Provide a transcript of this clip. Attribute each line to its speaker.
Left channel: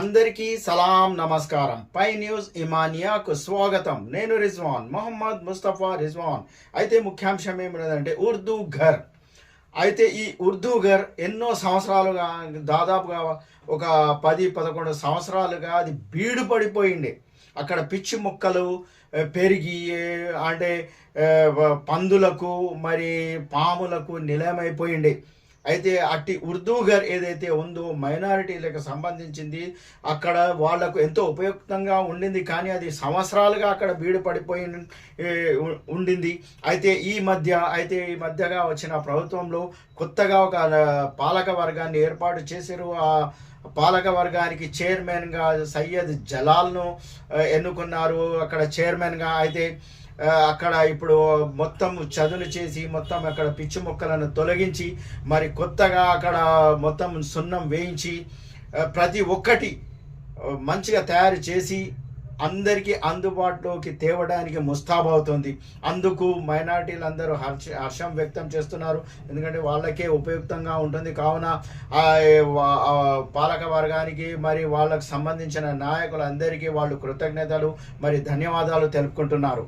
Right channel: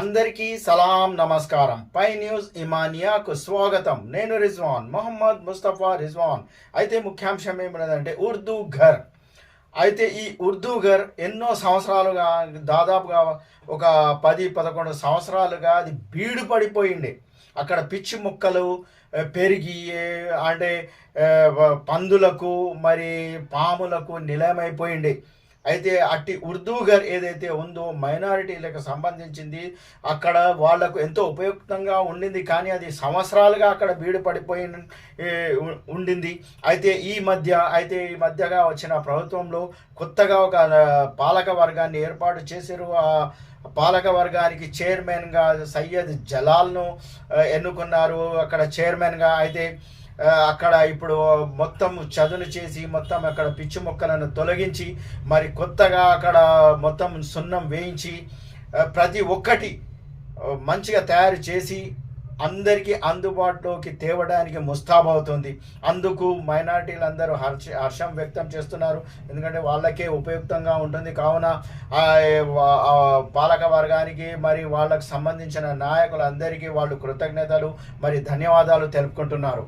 Speaker 1: అందరికీ సలాం నమస్కారం. పై న్యూస్ ఇమానియాకు స్వాగతం. నేను రిజ్వాన్ మొహమ్మద్ ముస్తఫా రిజ్వాన్. అయితే ముఖ్యాంశం ఏమిటంటే ఉర్దూ ఘర్. అయితే ఈ ఉర్దూ ఘర్ ఎన్నో సంవత్సరాలుగా దాదాపుగా ఒక పది పదకొండు సంవత్సరాలుగా అది బీడు పడిపోయింది. అక్కడ పిచ్చి మొక్కలు పెరిగి అంటే పందులకు మరి పాములకు నిలయమైపోయింది. అయితే అట్టి ఉర్దూ ఘర్ ఏదైతే ఉందో మైనారిటీలకు సంబంధించింది అక్కడ వాళ్ళకు ఎంతో ఉపయుక్తంగా ఉండింది. కానీ అది సంవత్సరాలుగా అక్కడ బీడు పడిపోయి ఉండింది. అయితే ఈ మధ్య అయితే ఈ మధ్యగా వచ్చిన ప్రభుత్వంలో కొత్తగా ఒక పాలక వర్గాన్ని ఏర్పాటు చేశారు. ఆ పాలక వర్గానికి చైర్మన్గా సయ్యద్ జలాల్ను ఎన్నుకున్నారు. అక్కడ చైర్మన్గా అయితే అక్కడ ఇప్పుడు మొత్తం చదును చేసి మొత్తం అక్కడ పిచ్చి మొక్కలను తొలగించి మరి కొత్తగా అక్కడ మొత్తం సున్నం వేయించి ప్రతి ఒక్కటి మంచిగా తయారు చేసి అందరికీ అందుబాటులోకి తేవడానికి ముస్తాబవుతుంది అందుకు మైనార్టీలు అందరూ హర్ష హర్షం వ్యక్తం చేస్తున్నారు. ఎందుకంటే వాళ్ళకే ఉపయుక్తంగా ఉంటుంది. కావున పాలక వర్గానికి మరి వాళ్ళకు సంబంధించిన నాయకులందరికీ వాళ్ళు కృతజ్ఞతలు మరి ధన్యవాదాలు తెలుపుకుంటున్నారు.